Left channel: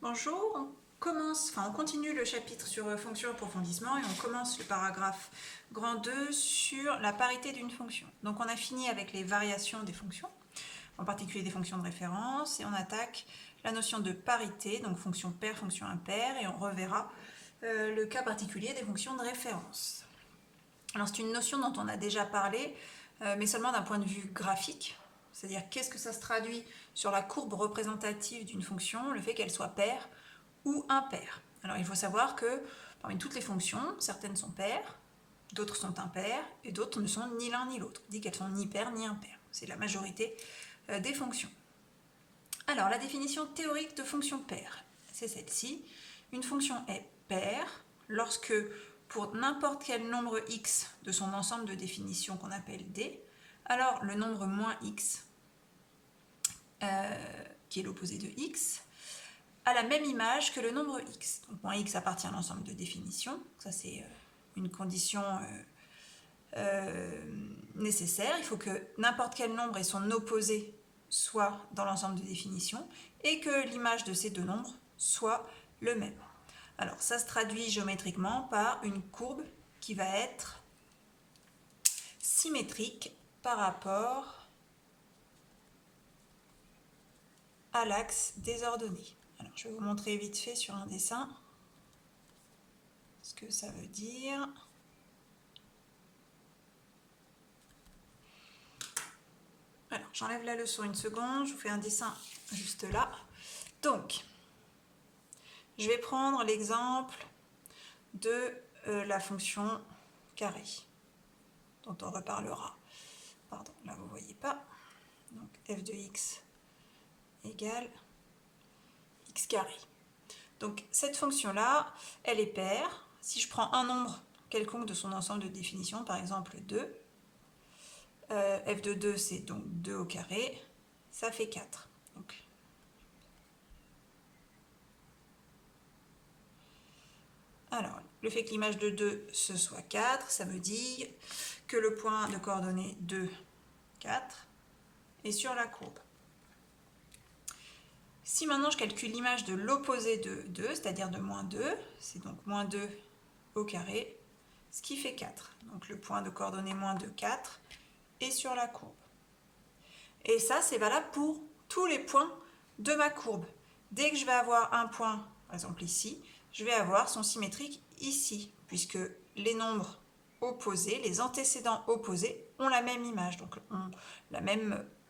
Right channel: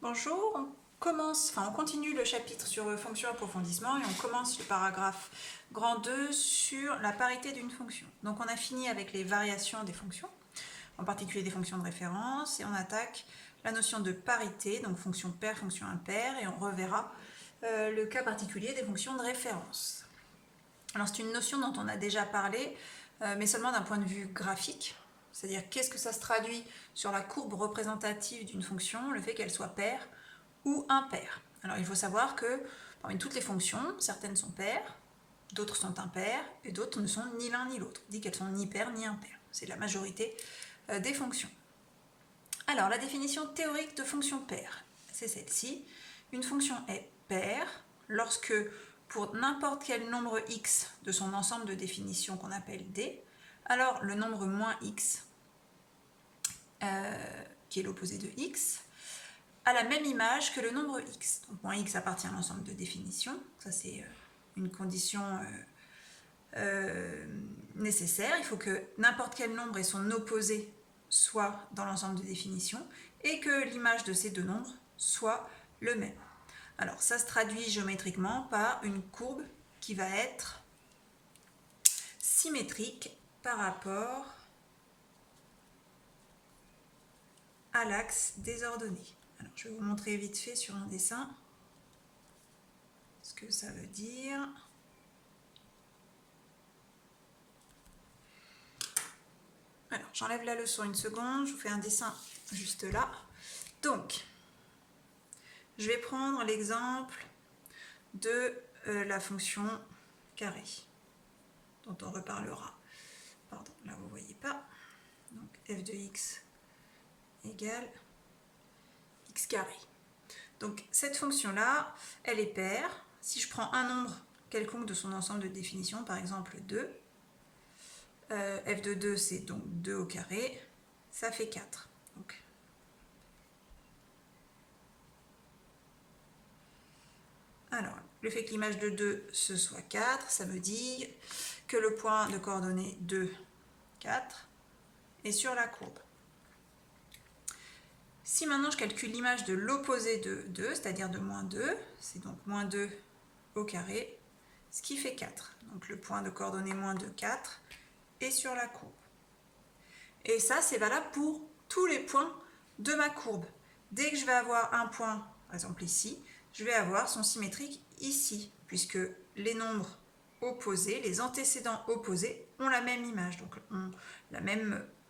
Bonjour, on continue le chapitre sur fonction approfondissement et on commence le paragraphe grand 2 sur la parité d'une fonction. Donc on a fini avec les variations des fonctions, en particulier des fonctions de référence, et on attaque la notion de parité, donc fonction paire, fonction impaire, et on reverra le cas particulier des fonctions de référence. Alors c'est une notion dont on a déjà parlé, mais seulement d'un point de vue graphique. C'est-à-dire qu'est-ce que ça se traduit sur la courbe représentative d'une fonction, le fait qu'elle soit paire ou impaire. Alors il faut savoir que parmi toutes les fonctions, certaines sont paires, d'autres sont impaires et d'autres ne sont ni l'un ni l'autre. On dit qu'elles sont ni paires ni impaires. C'est la majorité des fonctions. Alors la définition théorique de fonction paire, c'est celle-ci. Une fonction est paire lorsque pour n'importe quel nombre x de son ensemble de définition qu'on appelle D, alors le nombre moins x, qui est l'opposé de x, a la même image que le nombre x. Donc moins x appartient à l'ensemble de définition, ça c'est une condition nécessaire. Il faut que n'importe quel nombre et son opposé soient dans l'ensemble de définition et que l'image de ces deux nombres soit le même. Alors ça se traduit géométriquement par une courbe qui va être symétrique par rapport à l'axe des ordonnées. Alors je vais vous montrer vite fait sur un dessin ce que ça veut dire. Alors j'enlève la leçon une seconde, je vous fais un dessin juste là. Donc je vais prendre l'exemple de la fonction carré, dont on reparlera. Pardon, là vous ne voyez pas. Donc f de x égale x carré. Donc cette fonction-là, elle est paire. Si je prends un nombre quelconque de son ensemble de définition, par exemple 2, f de 2 c'est donc 2 au carré, ça fait 4. Donc, alors, le fait que l'image de 2 ce soit 4, ça me dit que le point de coordonnées 2, 4 est sur la courbe. Si maintenant je calcule l'image de l'opposé de 2, c'est-à-dire de moins 2, c'est donc moins 2 au carré, ce qui fait 4. Donc le point de coordonnées moins 2, 4 est sur la courbe. Et ça, c'est valable pour tous les points de ma courbe. Dès que je vais avoir un point, par exemple ici, je vais avoir son symétrique ici, puisque les nombres opposés, les antécédents opposés, ont la même image, donc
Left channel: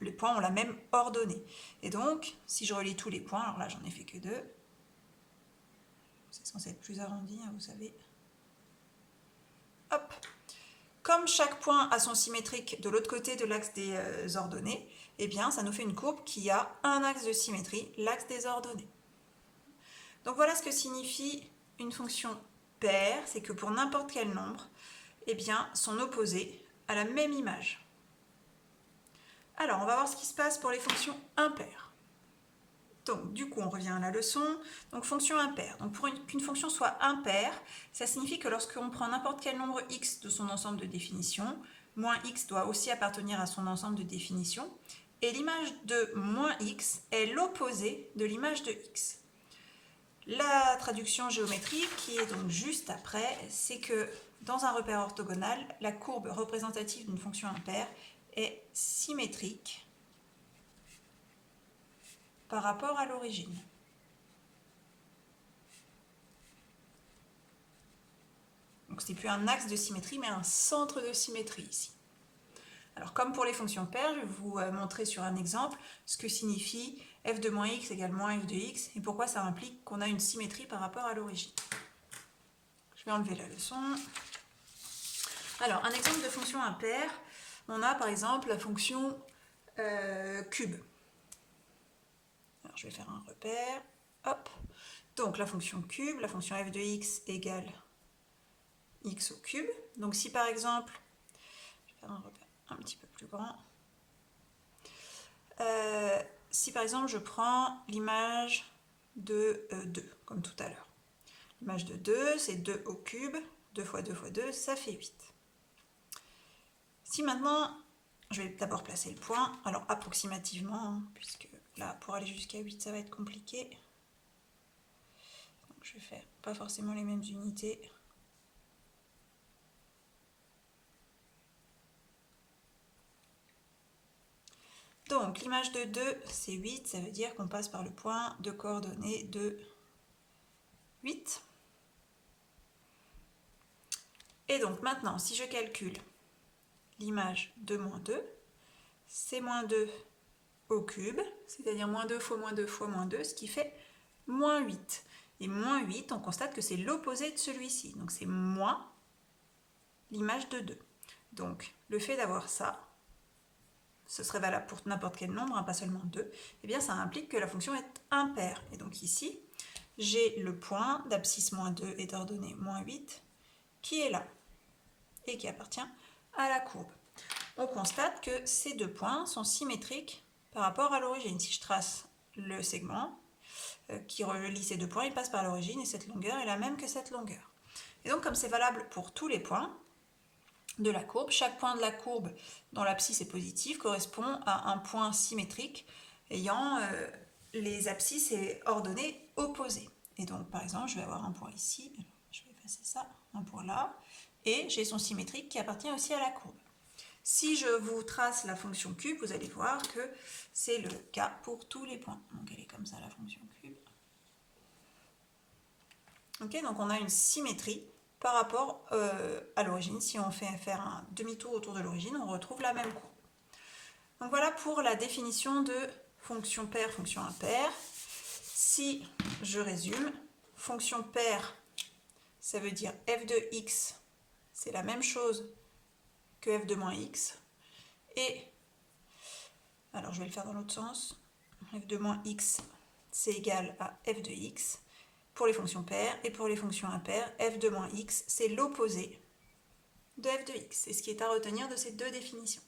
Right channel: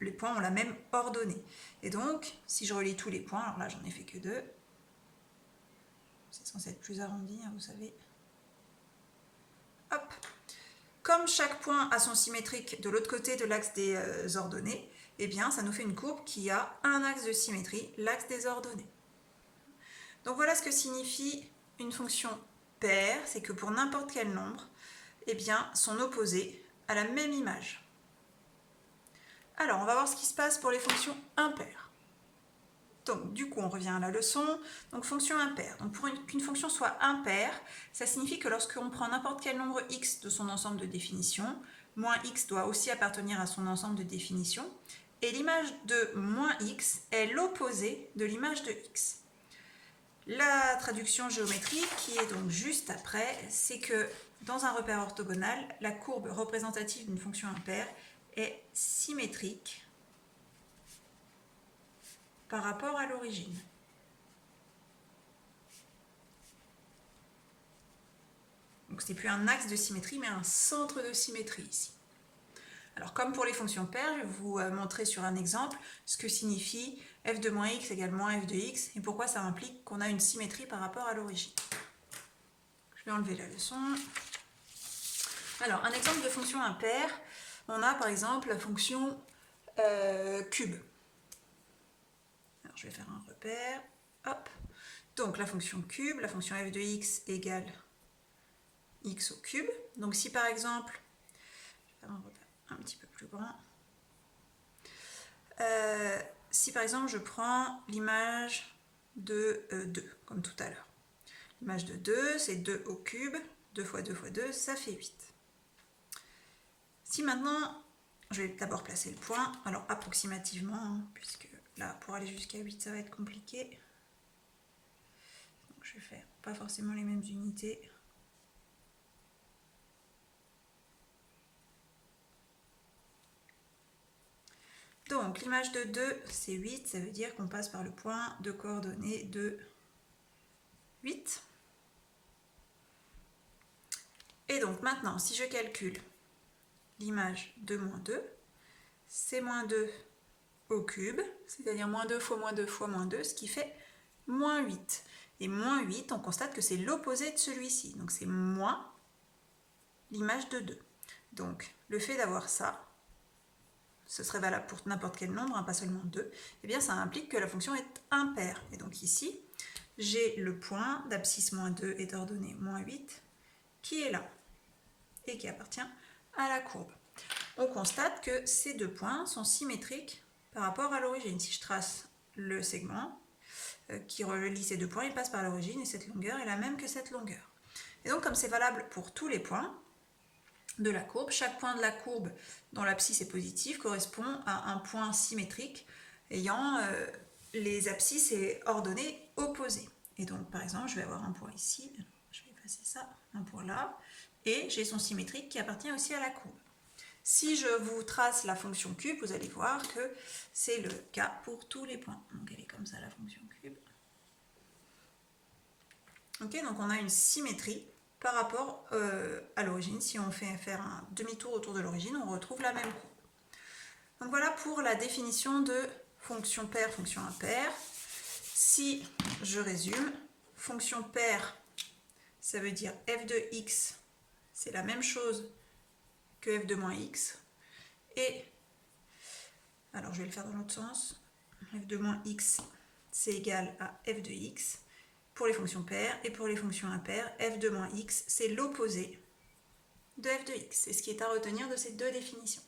les points ont la même ordonnée. Et donc, si je relie tous les points, alors là j'en ai fait que 2, c'est censé être plus arrondi, hein, vous savez. Hop. Comme chaque point a son symétrique de l'autre côté de l'axe des ordonnées, eh bien ça nous fait une courbe qui a un axe de symétrie, l'axe des ordonnées. Donc voilà ce que signifie une fonction paire, c'est que pour n'importe quel nombre, eh bien son opposé a la même image. Alors on va voir ce qui se passe pour les fonctions impaires. Donc du coup on revient à la leçon, donc fonction impaire. Donc pour qu'une fonction soit impaire, ça signifie que lorsqu'on prend n'importe quel nombre x de son ensemble de définition, moins x doit aussi appartenir à son ensemble de définition, et l'image de moins x est l'opposé de l'image de x. La traduction géométrique, qui est donc juste après, c'est que dans un repère orthogonal, la courbe représentative d'une fonction impaire est symétrique par rapport à l'origine. Donc ce n'est plus un axe de symétrie, mais un centre de symétrie ici. Alors comme pour les fonctions paires, je vais vous montrer sur un exemple ce que signifie f de moins x égale moins f de x et pourquoi ça implique qu'on a une symétrie par rapport à l'origine. Je vais enlever la leçon. Alors un exemple de fonction impaire, on a par exemple la fonction cube. Alors je vais faire un repère, hop. Donc la fonction cube, la fonction f de x égale x au cube. Donc si par exemple, je vais faire un repère un petit peu plus grand, si par exemple je prends l'image de 2, comme tout à l'heure. L'image de 2, c'est 2 au cube, 2 fois 2 fois 2, ça fait 8. Si maintenant, je vais d'abord placer le point, alors approximativement, hein, puisque là, pour aller jusqu'à 8, ça va être compliqué. vais faire pas forcément les mêmes unités. Donc, l'image de 2, c'est 8, ça veut dire qu'on passe par le point de coordonnées de 8. Et donc, maintenant, si je calcule l'image de moins 2, c'est moins 2 au cube, c'est-à-dire moins 2 fois moins 2 fois moins 2, ce qui fait moins 8. Et moins 8, on constate que c'est l'opposé de celui-ci. Donc, c'est moins l'image de 2. Donc, le fait d'avoir ça, ce serait valable pour n'importe quel nombre, hein, pas seulement 2, eh bien ça implique que la fonction est impaire. Et donc ici, j'ai le point d'abscisse moins 2 et d'ordonnée moins 8 qui est là et qui appartient à la courbe. On constate que ces deux points sont symétriques par rapport à l'origine. Si je trace le segment qui relie ces deux points, il passe par l'origine et cette longueur est la même que cette longueur. Et donc comme c'est valable pour tous les points de la courbe, chaque point de la courbe dont l'abscisse est positive correspond à un point symétrique ayant les abscisses et ordonnées opposées. Et donc par exemple, je vais avoir un point ici, je vais effacer ça, un point là, et j'ai son symétrique qui appartient aussi à la courbe. Si je vous trace la fonction cube, vous allez voir que c'est le cas pour tous les points. Donc elle est comme ça la fonction cube. Ok, donc on a une symétrie par rapport à l'origine. Si on fait faire un demi-tour autour de l'origine, on retrouve la même courbe. Donc voilà pour la définition de fonction paire, fonction impaire. Si je résume, fonction paire, ça veut dire f de x, c'est la même chose que f de moins x. Et, alors je vais le faire dans l'autre sens, f de moins x, c'est égal à f de x pour les fonctions paires. Et pour les fonctions impaires, f de moins x, c'est l'opposé de f de x. C'est ce qui est à retenir de ces deux définitions.